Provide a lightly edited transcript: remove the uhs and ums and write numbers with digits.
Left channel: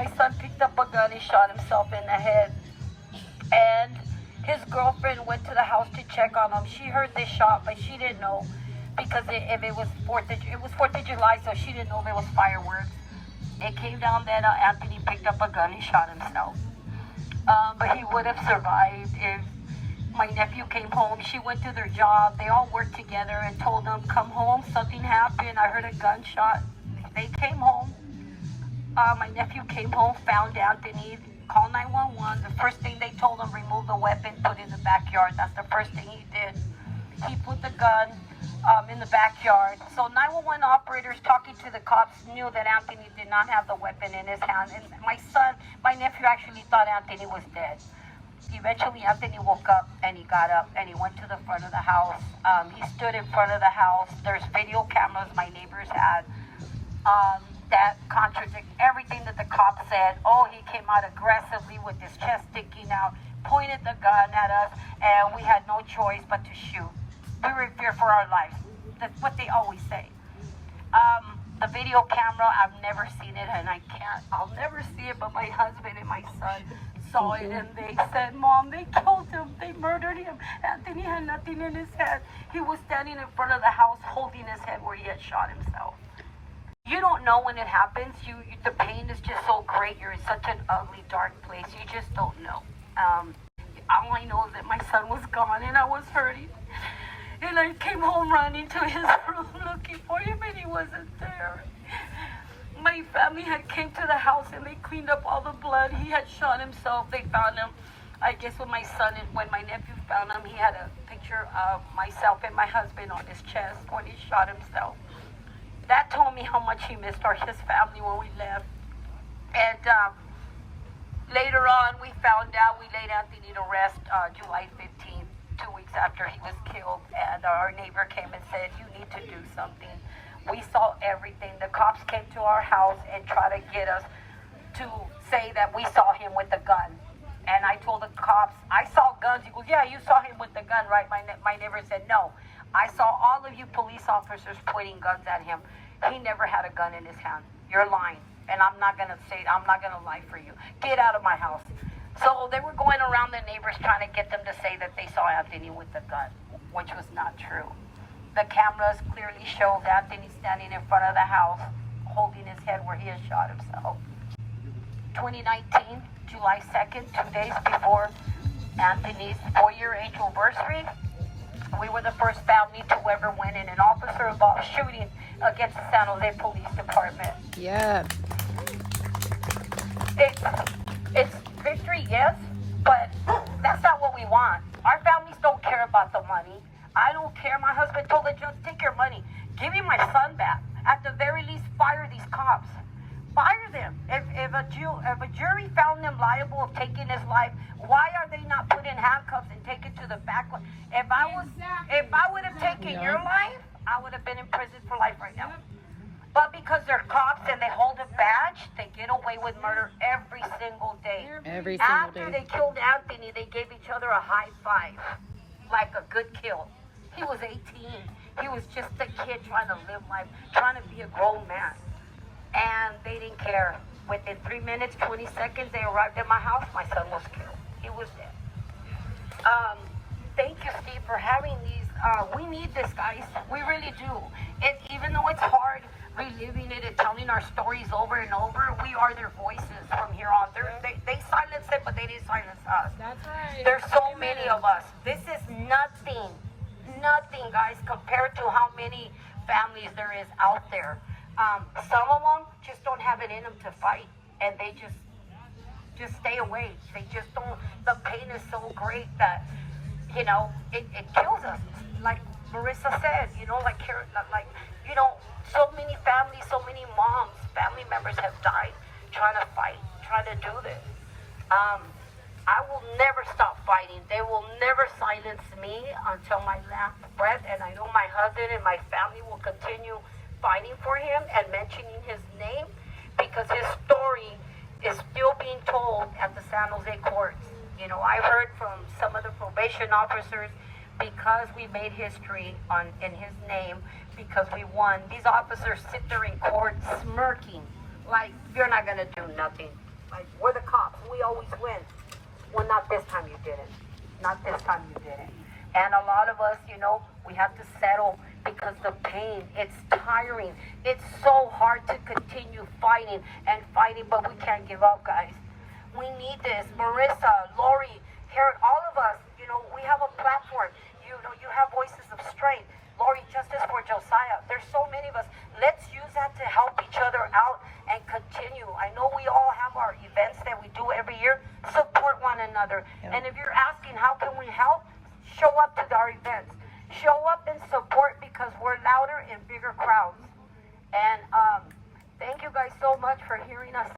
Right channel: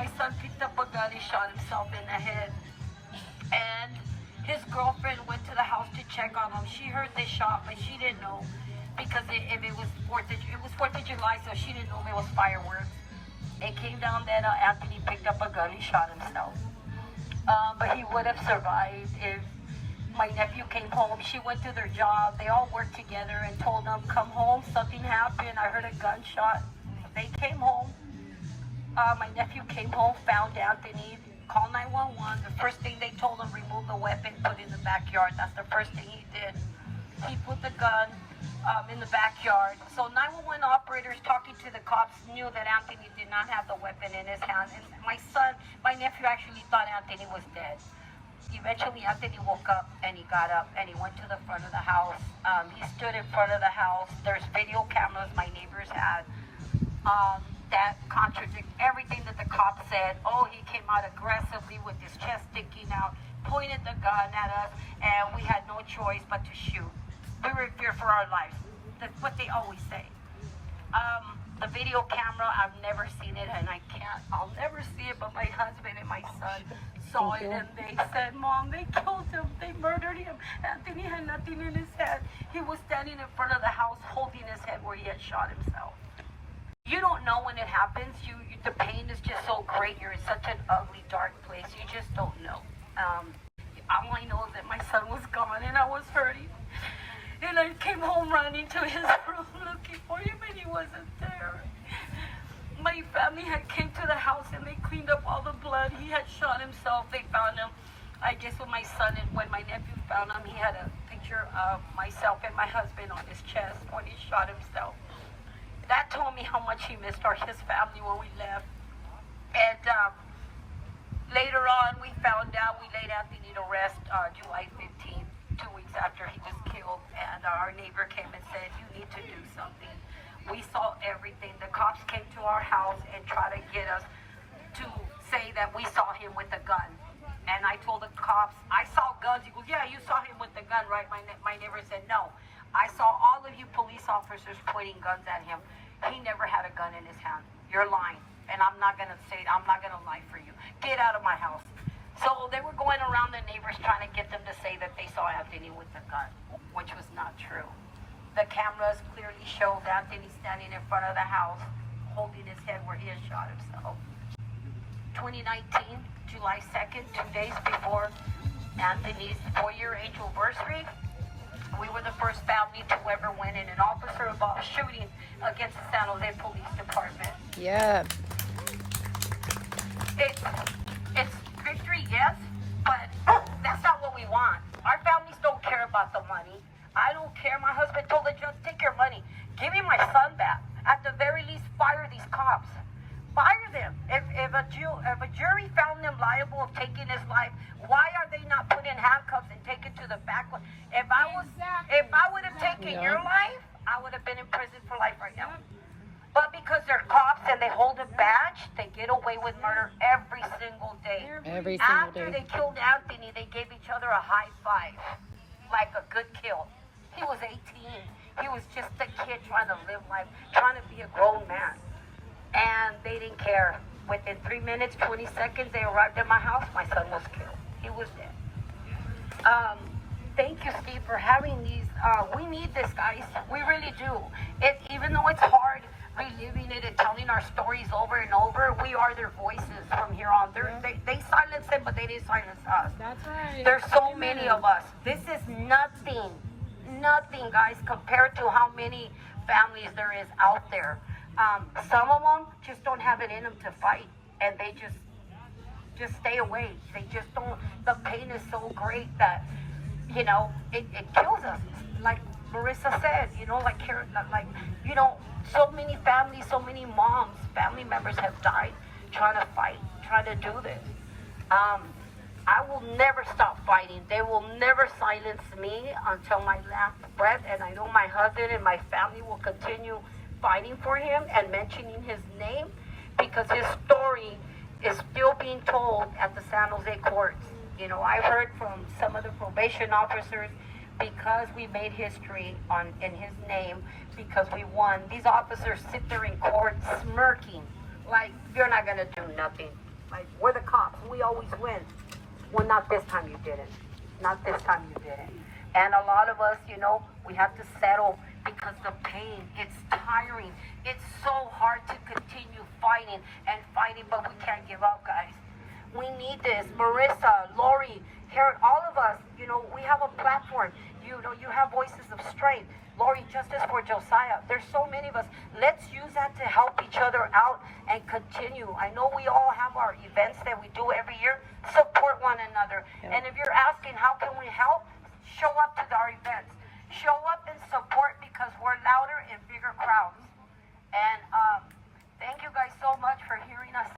my son picked up a gun and shot himself in the head. And his girlfriend went to the house to check on him. She heard the shot, but she didn't know because if it was 4th of July, so she didn't know there was fireworks. It came down that Anthony picked up a gun and shot himself. But he would have survived if my nephew came home. She went to their job. They all worked together and told them, come home, something happened. I heard a gunshot. They came home. My nephew came home, found Anthony, called 911. The first thing they told him, remove the weapon, put it in the backyard. That's the first thing he did. He put the gun in the backyard. So 911 operators talking to the cops knew that Anthony did not have the weapon in his hand. And my nephew actually thought Anthony was dead. Eventually, Anthony woke up and he got up and he went to the front of the house. He stood in front of the house. There's video cameras my neighbors had that contradict everything that the cops said. Oh, he came out aggressively with his chest sticking out, pointed the gun at us, and we had no choice but to shoot. We were in fear for our lives. That's what they always say. The video camera, I've never seen it, and I'll never see it, but my husband and my son saw it, and they said, Mom, they killed him, they murdered him. Anthony had nothing in his head. He was standing in front of the house holding his head where he had shot himself. You don't know when it happens. The pain is just so great. You're in such an ugly, dark place. You just don't know. All I know is that my son was gone, and I was hurting. And I came home running to his room looking for him, and he wasn't there. My family had came to the house, and they cleaned up all the blood. He had shot himself. They found him. I guess when my nephew found him, he had a picture of myself and my husband on his chest when he shot himself. That told me how much he missed his family when we left. And later on, we found out we laid Anthony to rest July 15th, 2 weeks after he was killed. And our neighbor came and said, you need to do something. We saw everything. The cops came to our house and tried to get us to say that we saw him with a gun. And I told the cops, I saw guns. He goes, yeah, you saw him with the gun, right? My neighbor said, no. I saw all of you police officers pointing guns at him. He never had a gun in his hand. You're lying. And I'm not going to lie for you. Get out of my house. So they were going around the neighbors trying to get them to say that they saw Anthony with the gun, which was not true. The cameras clearly showed Anthony standing in front of the house, holding his head where he had shot himself. 2019, July 2nd, 2 days before Anthony's 4-year age anniversary, we were the first family to ever win in an officer-involved shooting against the San Jose Police Department. Yeah. It's victory, yes, but that's not what we want. Our families don't care about the money. I don't care. My husband told the judge, take your money. Give me my son back. At the very least, fire these cops. Fire them. If a jury found them liable of taking his life, why are they not put in handcuffs and taken to the back? If I would have taken your life, I would have been in prison for life right now. But because they're cops and they hold a badge, they get away with murder every single day. After they killed Anthony, they gave each other a high five, like a good kill. He was 18. He was just a kid trying to live life, trying to be a grown man. And they didn't care. Within 3 minutes, 20 seconds, they arrived at my house. My son was killed. He was dead. Thank you, Steve, for having these. We need this, guys. We really do. Even though it's hard reliving it and telling our stories over and over, we are their voices from here on. They silence them, but they didn't silence us. That's right. There's so many of us. This is nothing, guys, compared to how many families there is out there. Some of them just don't have it in them to fight, and they just stay away. They just don't. The pain is so great that, it kills us. Like Marissa said, so many families, so many moms, family members have died trying to fight, trying to do this. I will never stop fighting. They will never silence me until my last breath, and I know my husband and my family will continue fighting for him and mentioning his name because his story is still being told at the San Jose courts. I heard from some of the probation officers, because we made history in his name, because we won, these officers sit there in court smirking like, you're not going to do nothing. we always win. Well, not this time you didn't. Not this time you didn't. And a lot of us, we have to settle because the pain, it's tiring. It's so hard to continue fighting and fighting, but we can't give up, guys. We need this. Marissa, Lori, Karen, all of us, we have a platform. You have voices of strength. Lori, justice for Josiah. There's so many of us. Let's use that to help each other out and continue. I know we all have our events that we do every year. Support one another. And if you're asking how can we help, show up to our events. Show up and support because we're louder and bigger crowds. And thank you guys so much for hearing us.